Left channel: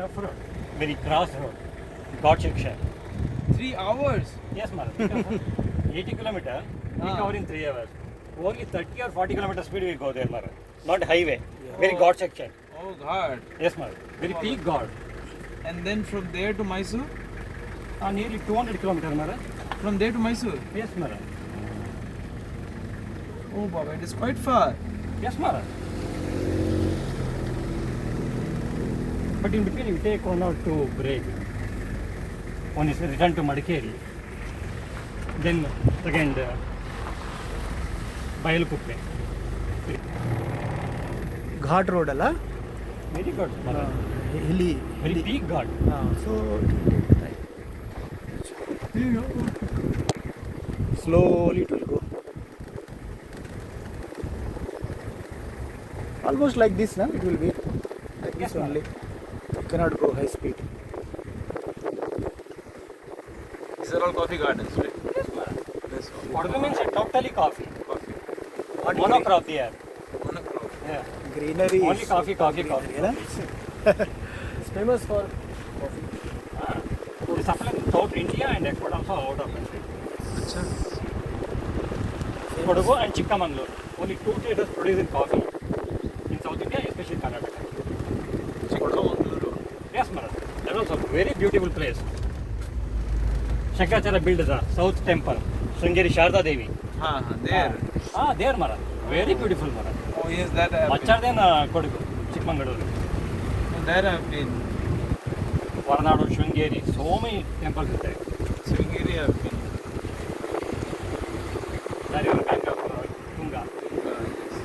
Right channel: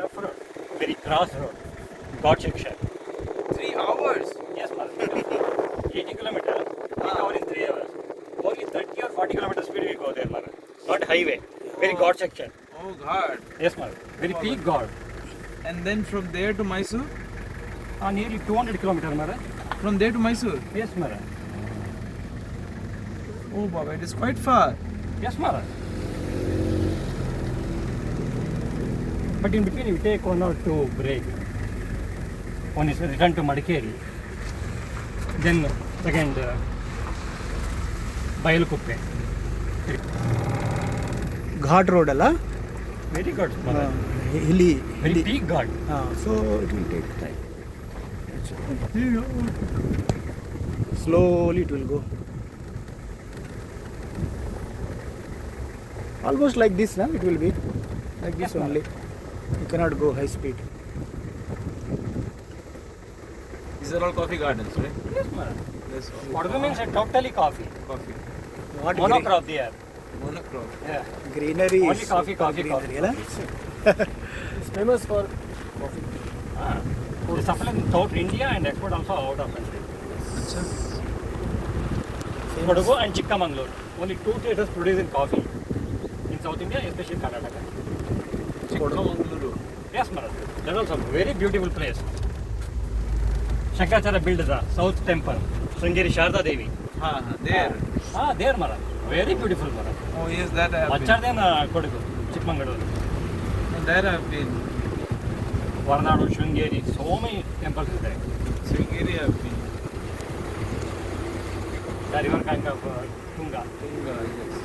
tough road, very cross road, God section. 3 hours? Yes, ma'am. 80 kilometers, we cover in 3 hours. Only 30 or 40 kilometers speed we go there, ma'am. Not highway, very God section. Oh God. Yes, ma'am. Very peak God. And then from there to Mysore? Nearly 200 kilometers, ma'am. From there to Mysore? Yes, ma'am. Oh Baba, it is quite far. Yes, ma'am. But in between, we take 1 or 2 break. One is return to Madikeri. Then second, Bayalukuppe. Ghat road alla? Very good, mother. Hilly. Very peak God. So it will take time. Slowly it will go. Almost like this, na? It will be like this only. You cannot go high speed. These are all coffee gardens, right? Yes, ma'am. Yes. Kodgu means totally coffee. Coffee. What Monocrop there. Monocrop. Yeah. greenery? Only coffee. Yeah? It's famous for coffee. We supply to South India and export also out of country. Kodgu and Chikkamangaluru. Only 2 traders producing coffee in South India, especially Karnataka. Chikkamangaluru. Yes, madam. That is also a very beautiful place. Shankaracharya built the South Temple, Sringeri Sharda Devi. There. There, madam. Very beautiful, madam. Oh yes, that I have Much been. than Kodgu, Chikmagaluru. And there I have been. Varanadu, Sringeri, so many temples is there. Sringeri I have been. There you are kind of Tunga. Yes.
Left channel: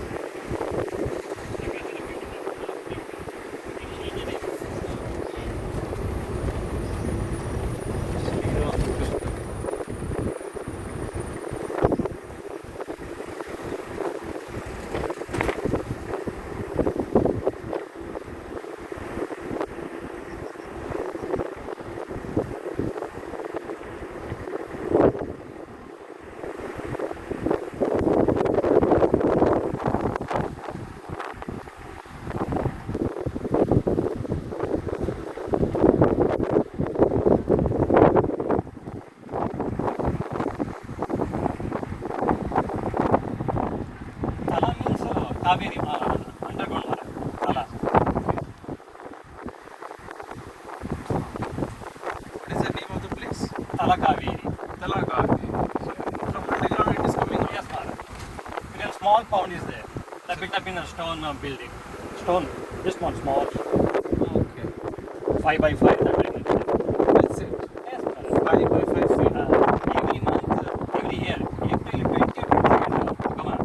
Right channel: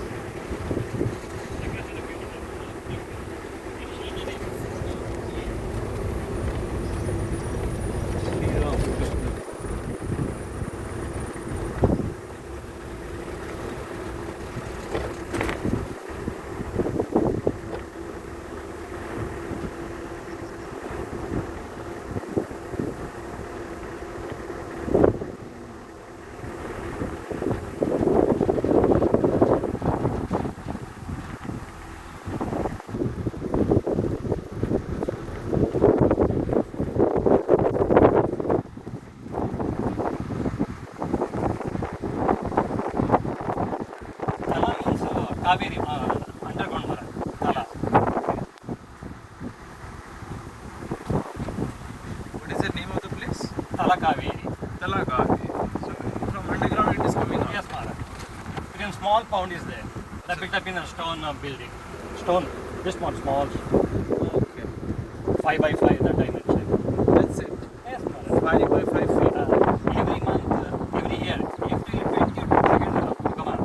Tala means Kaveri, underground mara. Tala. What is the name of the place? Tala Kaveri. Talaka. So from underground it is coming up. Yes, mara. Then small pond is there. That built up in a stone building. Stone, just one small, Okay. 5 by 5, that I mentioned. That's it. Yes, mara. 5 by 5 feet. Every month, every year, April 22nd, come on,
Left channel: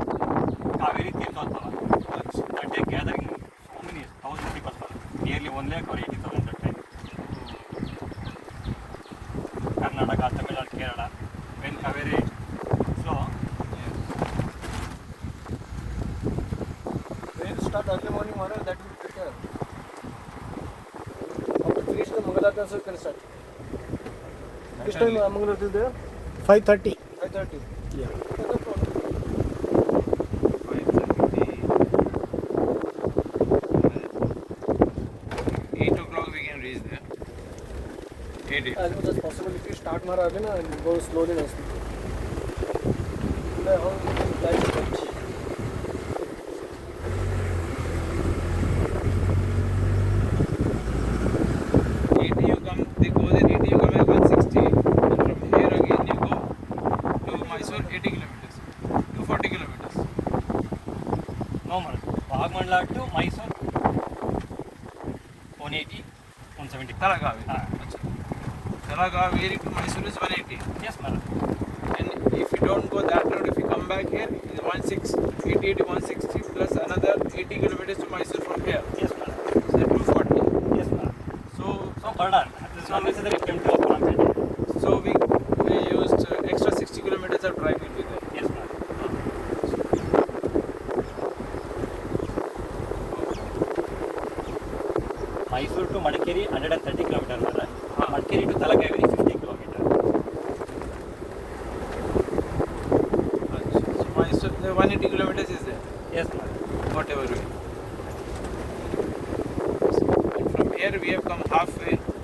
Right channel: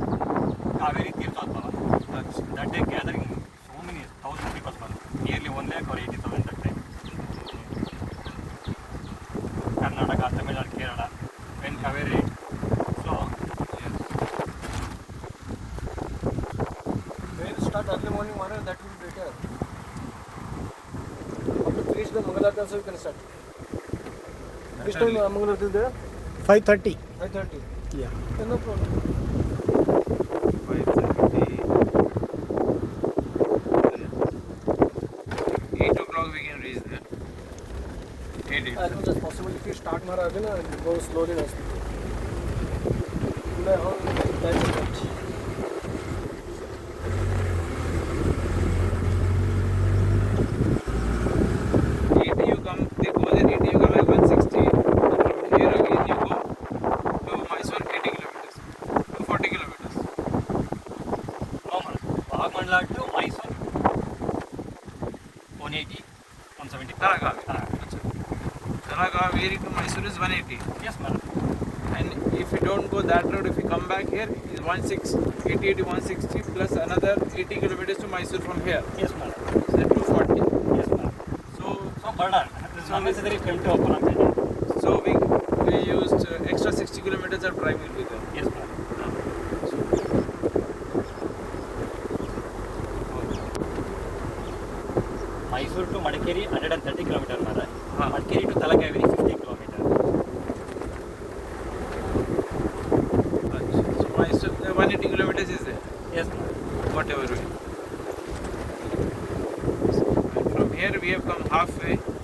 Kaveri Tirthala. That day gathering so many thousand people, nearly 1 lakh or 80,000 that time. Karnataka, Tamil Nadu, Kerala, when Kaveri flow, When you start early morning, Mara, that will be better. After to reach the Mangalarti also you can start. Which time Mangalarti is there? 5:30. 5:30. Yeah. No problem. 8 o'clock we can reach there. 8. As much as possible. If you start Mara early, na, you go slowly nicely. Today how time to touch. 8 you come, they go there, 8 you come at 160. And from here again you go to Mysore 80 kilometers. To 40 kilometers. no man. Vagamandla to Mysore, 180, 170. Talaka. Talaka to Mysore is 180. Yes, madam. And if you don't go that road, if you come back here, it's 80 to 160 plus another 80 kilometers to Mysore from here. Yes, madam. So 240. Yes, madam. So, So, burden. It is unnecessary came to Uttarakhand. so we used extra 60 kilometers of drive will be there. Yes, madam. Mysore to Madikeri 130 kilometers, madam. Madikeri to Talakaveri 50 kilometers. So Mysore, 180 kilometers is there. Yes, madam. Whatever way. So from here we have come halfway.